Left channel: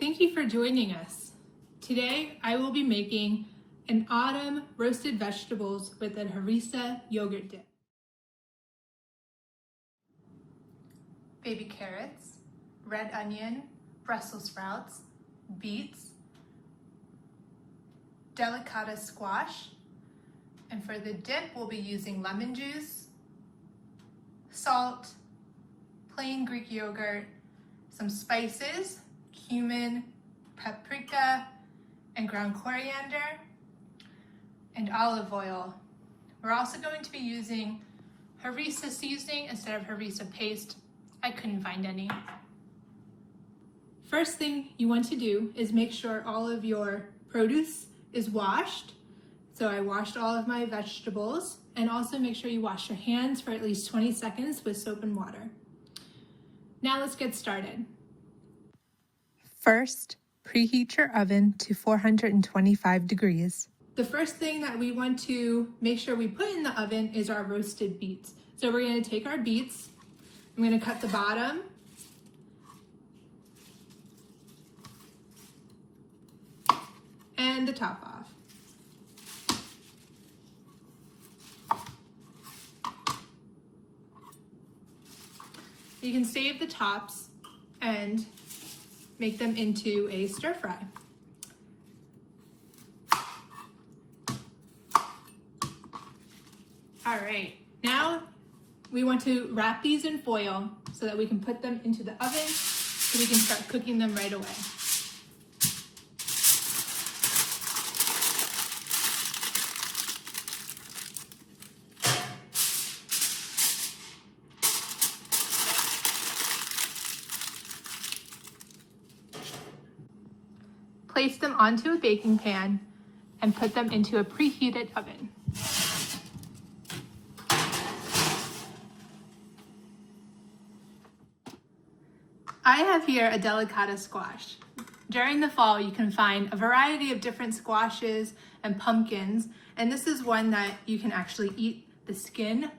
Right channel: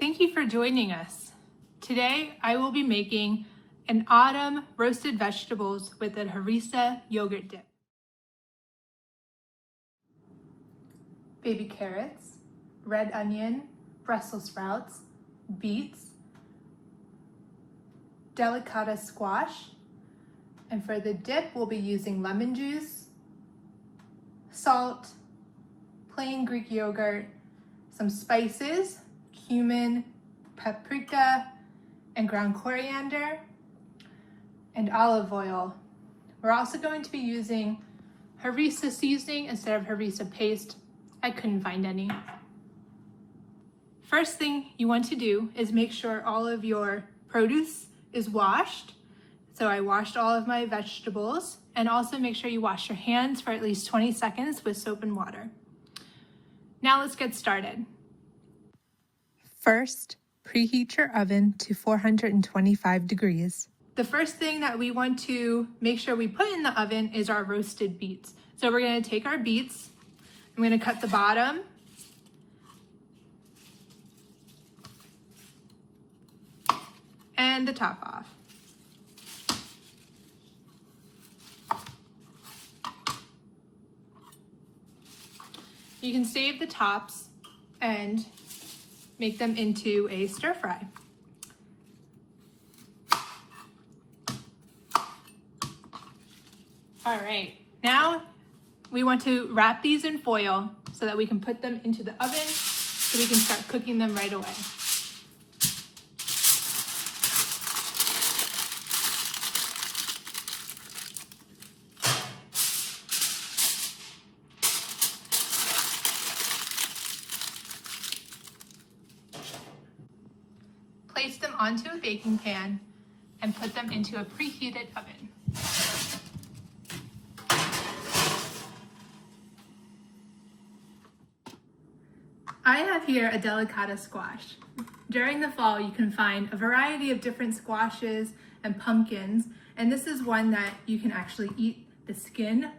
Thank you for joining us. Today, I will be making an autumn roasted vegetables with a harissa yogurt dip. Baby carrots, red onion, Brussels sprouts, beets, delicata squash, and for the dip, we'll be using lemon juice, salt, plain Greek yogurt, some spices, cumin, paprika, and ground coriander, and olive oil. We're also going to be using harissa seasoning instead of harissa paste. I couldn't find any. First thing you want to do is make sure all of your produce is washed. So I washed all of my vegetables, and also make sure you wash your hands for at least 20 seconds with soap and water. Now let's get started. First, preheat your oven to 425 degrees. The first thing that we want to make sure we put in the oven is our roasted beets. So we're going to take our beets, I'm going to cut the bottom, and the top off. You can save the tops and make them into a stir fry. All right, now we want to wrap these in foil so that we can put them into the oven so we can start cooking them right away. Place them onto a baking pan and put them into a preheated oven. I have here a delicata squash. During the fall, you can find a variety of different squashes and pumpkins, and this is one that you can actually eat the skin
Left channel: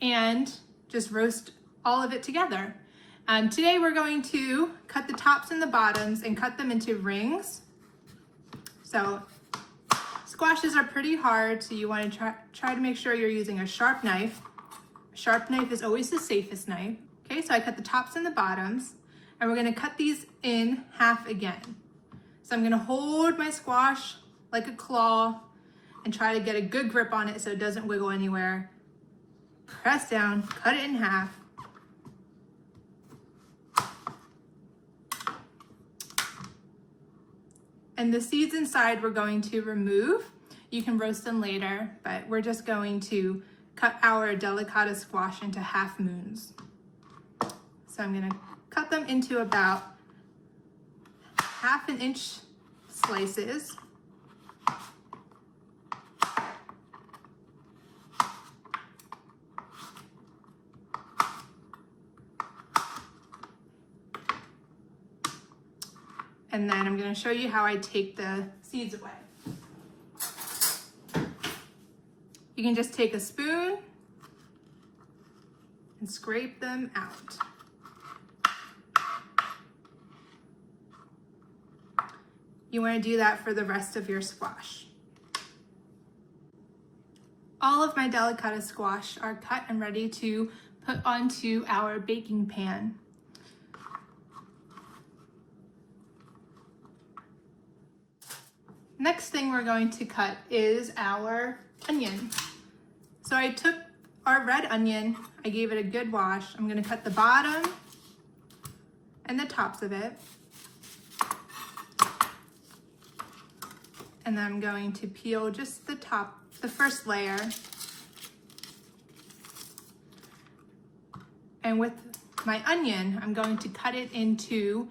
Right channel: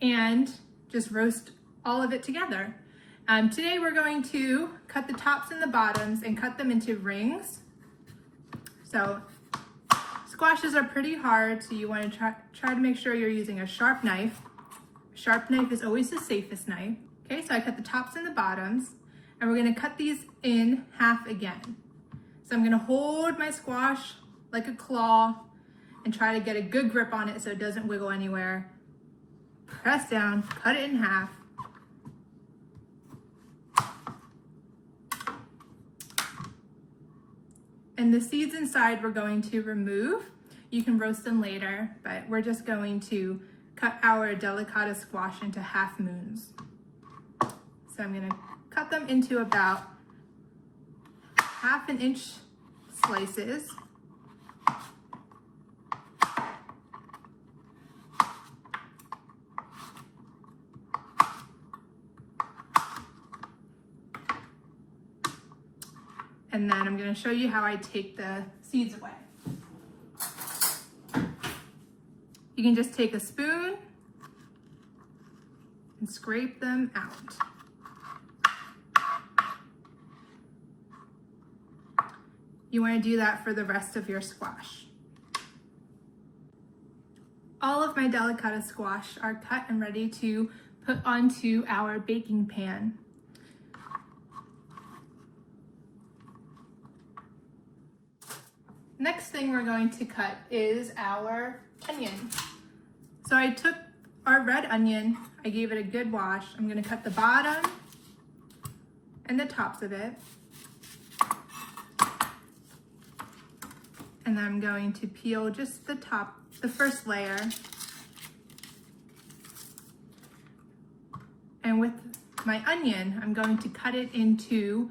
and just roast all of it together. Today we're going to cut the tops and the bottoms and cut them into rings. So squashes are pretty hard, so you want to try to make sure you're using a sharp knife. A sharp knife is always the safest knife. Okay, so I cut the tops and the bottoms, and we're going to cut these in half again. So I'm going to hold my squash like a claw and try to get a good grip on it so it doesn't wiggle anywhere. Press down, cut it in half. And the seeds inside we're going to remove. You can roast them later, but we're just going to cut our delicata squash into half moons. So I'm gonna cut them into about 1/2 inch slices. And then I'm going to show you how I take the seeds away. You can just take a spoon and scrape them out. You want to do that for the rest of your squash. All of my delicata squash are cut and ready to put onto our baking pan. Next thing we're going to cut is our onion. So I took our red onion, I gave it a good wash. I'm going to cut the bottom and the tops of it. And then I'm going to peel just the top, the first layer. And with my onion, I'm going to cut it into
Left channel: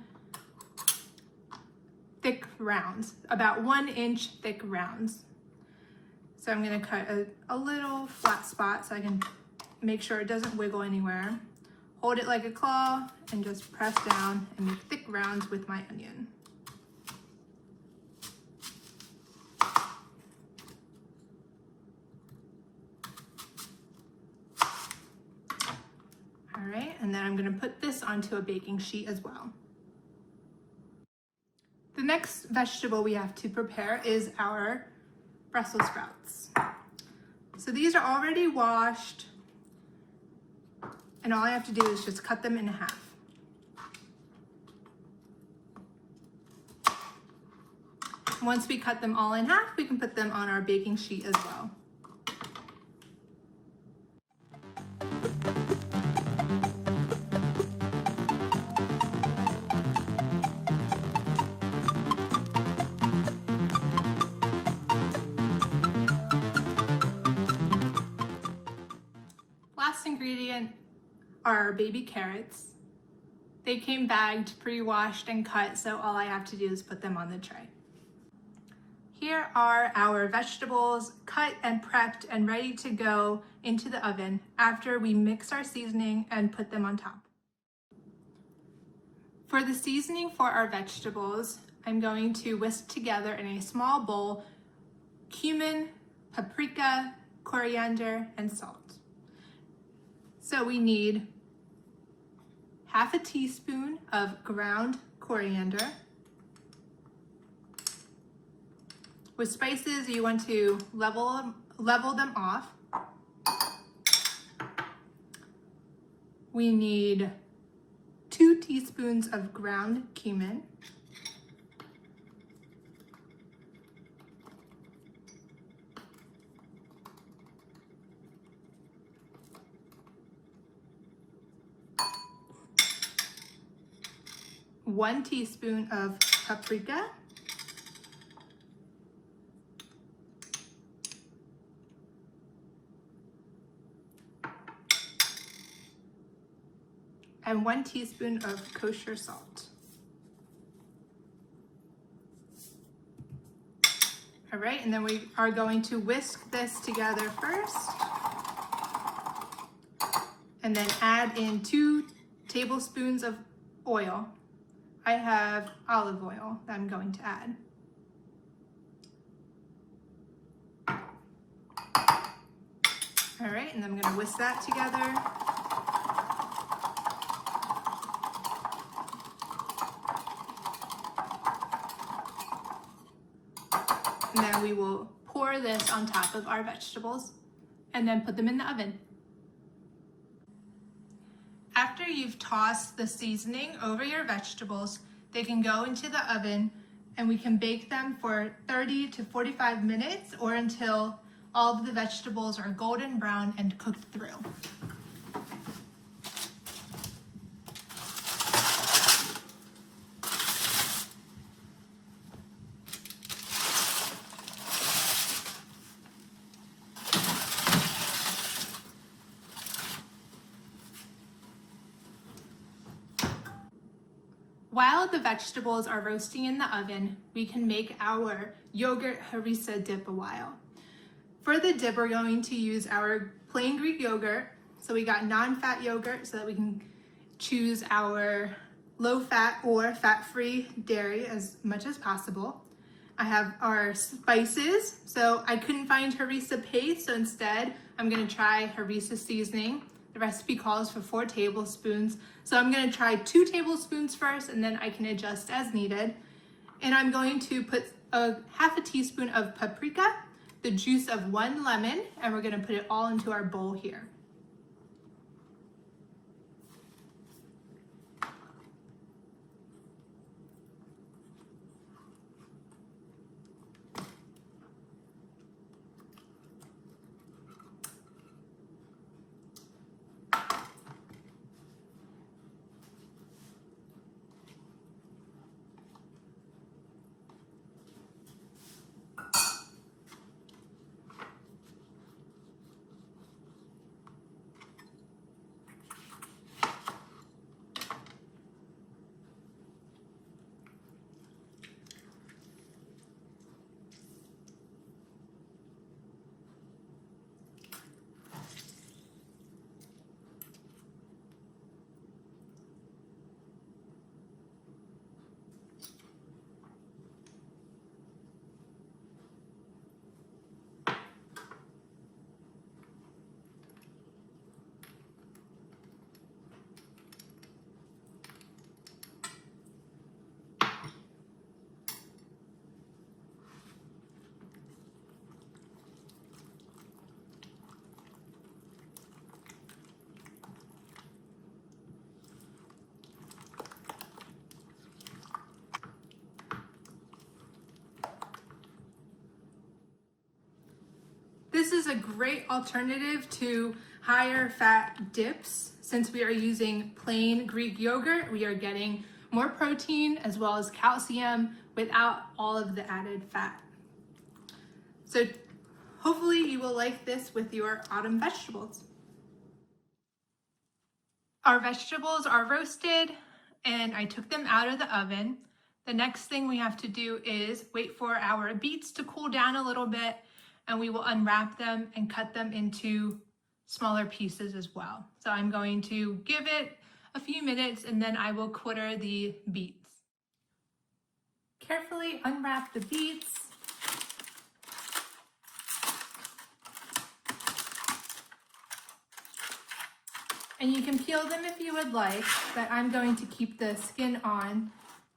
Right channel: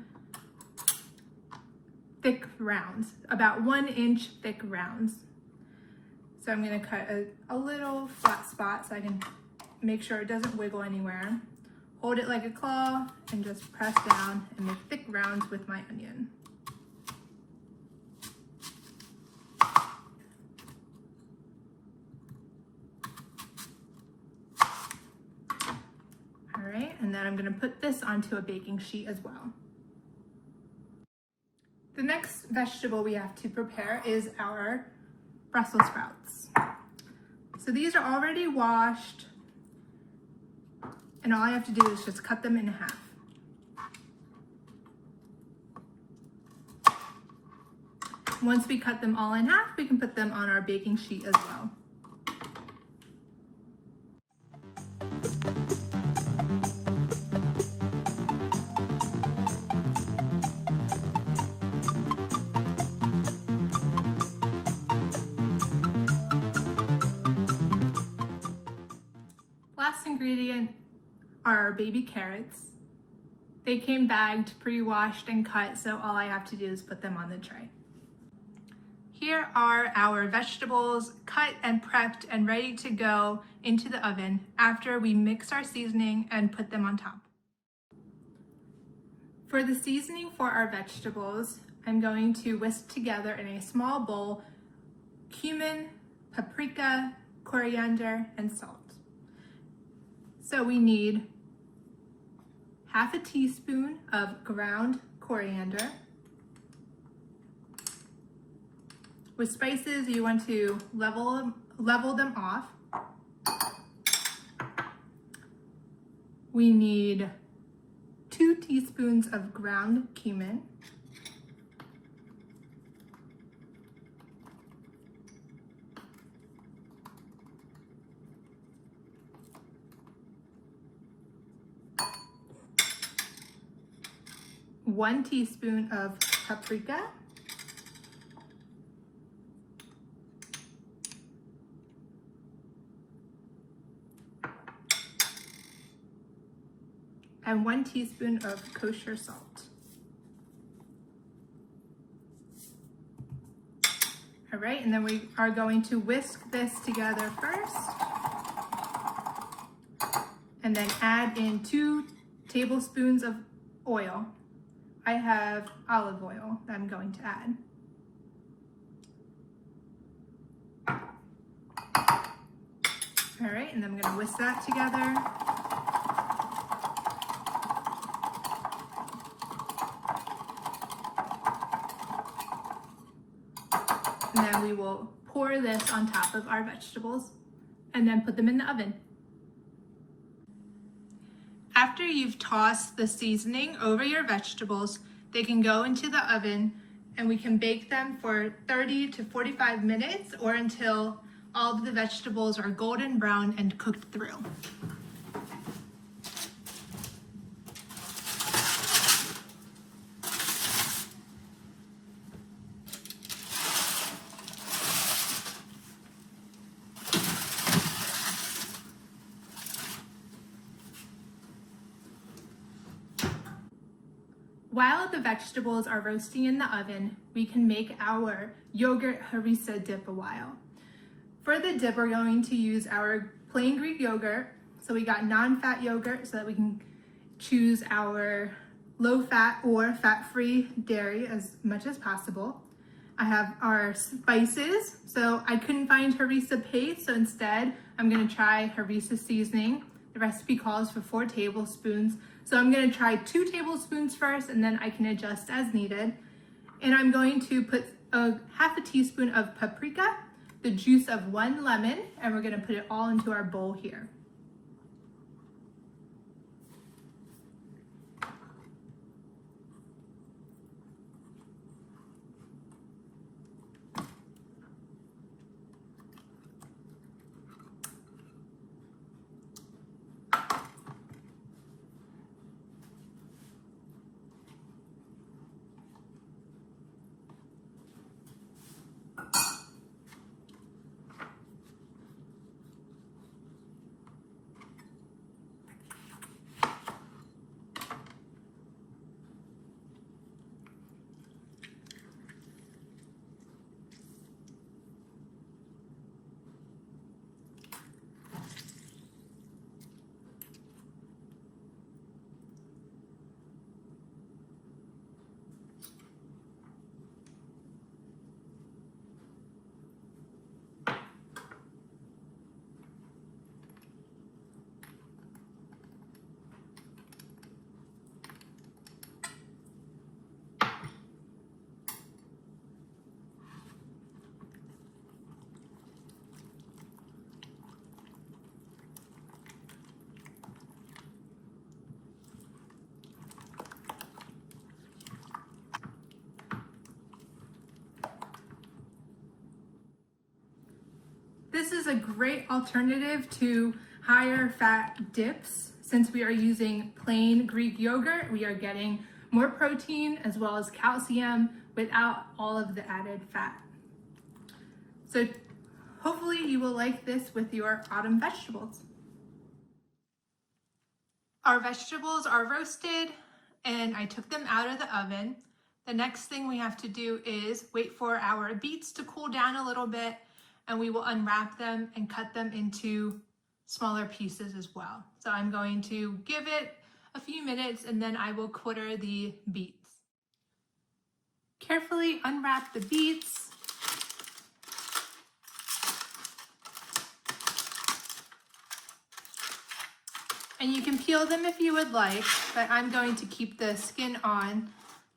thick rounds, about 1 inch thick rounds. So I'm going to cut a little flat spot so I can make sure it doesn't wiggle anywhere. Hold it like a claw and just press down and make thick rounds with my onion. All right, and then I'm going to put this onto a baking sheet as well. The next vegetable we have to prepare is our Brussels sprouts. So these are already washed, and all I have to do is just cut them in half. Once we cut them all in half, we can put them on our baking sheet as well. Last ingredient are our baby carrots. They came bagged, pre-washed, and cut, so all I have to do is put them on the tray. Here are our vegetables cut and prepped and ready to go into the oven after we mix our seasoning and put them on top. For the seasoning for our vegetables, I'm going to whisk together in a small bowl cumin, paprika, coriander, and salt. So we need half a teaspoon of ground coriander. With spices, you want to level them off. We need 2 teaspoons of ground cumin. One teaspoon of paprika. And 1 teaspoon of kosher salt. All right, and then we are going to whisk this together first, and then add in 2 tablespoons of oil. I have olive oil that I'm going to add. All right, and then I'm going to whisk that together. And then we will pour this on top of our vegetables and then put them in the oven. After you've tossed the seasoning over your vegetables, they can go into the oven and we can bake them for 30 to 45 minutes or until all of the vegetables are golden brown and cooked through. While the vegetables are roasting in the oven, we can make our yogurt harissa dip a while. For the dip, we're going to use our plain Greek yogurt. So we got non-fat yogurt so that we can choose our low-fat or fat-free dairy as much as possible. I have our spices. So I couldn't find harissa paste, so instead I'm gonna try harissa seasoning. The recipe calls for 4 tablespoons. So I'm going to try 2 tablespoons first, and then I can adjust as needed. And I'm going to put half a teaspoon of paprika, the juice of 1 lemon, and we're going to put it all into our bowl here. This is a great alternative to higher fat dips. Since we are using plain Greek yogurt, we are getting more protein as well as calcium without all of the added fat. So hopefully you will like this with your autumn vegetables. Our vegetables are roasted and I took them out of the oven. The next thing we have to do is wait for our beets to cool down a little bit, and we will unwrap them and cut them into smaller pieces as well. So I'm going to give it a few minutes and then I will quarter the beets. Carefully unwrap the beets. And you can peel them if you would like, but I'm going to keep the skin on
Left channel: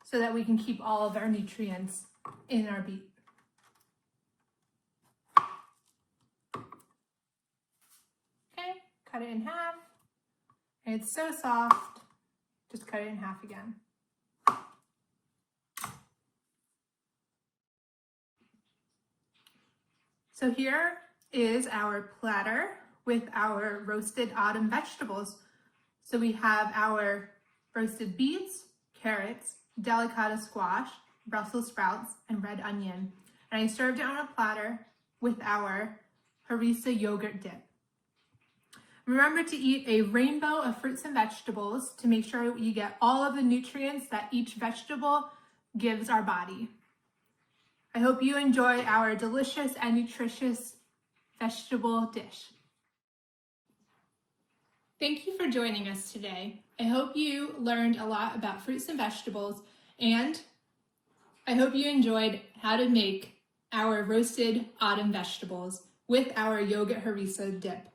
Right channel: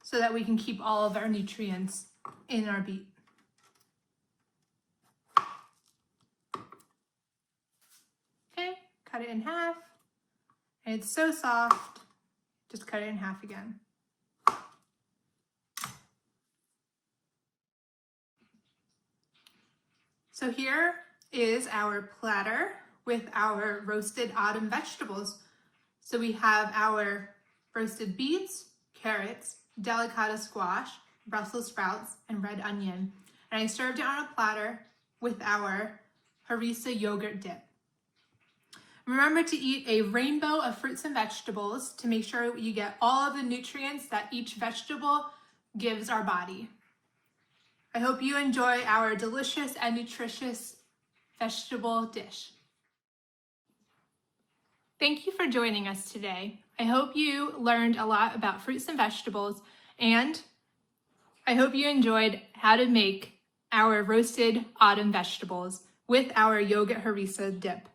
so that we can keep all of our nutrients in our beet. Okay, cut it in half. And it's so soft, just cut it in half again. So here is our platter with our roasted autumn vegetables. So we have our roasted beets, carrots, delicata squash, Brussels sprouts, and red onion. And I served it on a platter with our harissa yogurt dip. Remember to eat a rainbow of fruits and vegetables to make sure you get all of the nutrients that each vegetable gives our body. I hope you enjoy our delicious and nutritious vegetable dish. Thank you for joining us today. I hope you learned a lot about fruits and vegetables, and I hope you enjoyed how to make our roasted autumn vegetables with our yogurt harissa dip.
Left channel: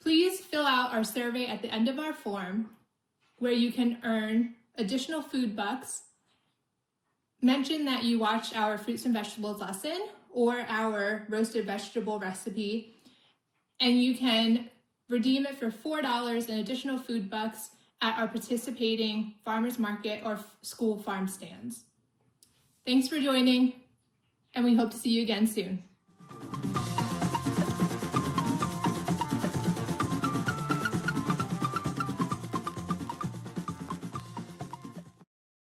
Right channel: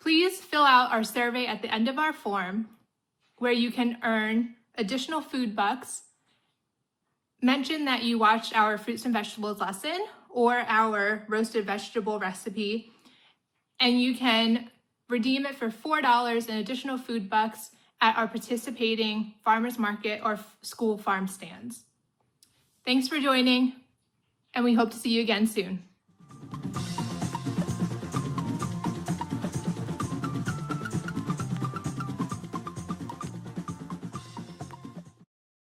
Please fill out our survey at the end of our form where you can earn additional food bucks. Mention that you watched our fruits and vegetables lesson or our roasted vegetable recipe, and you can redeem it for $4 in additional food bucks at our participating farmers market or school farm stands. Thanks for joining, and we hope to see you again soon.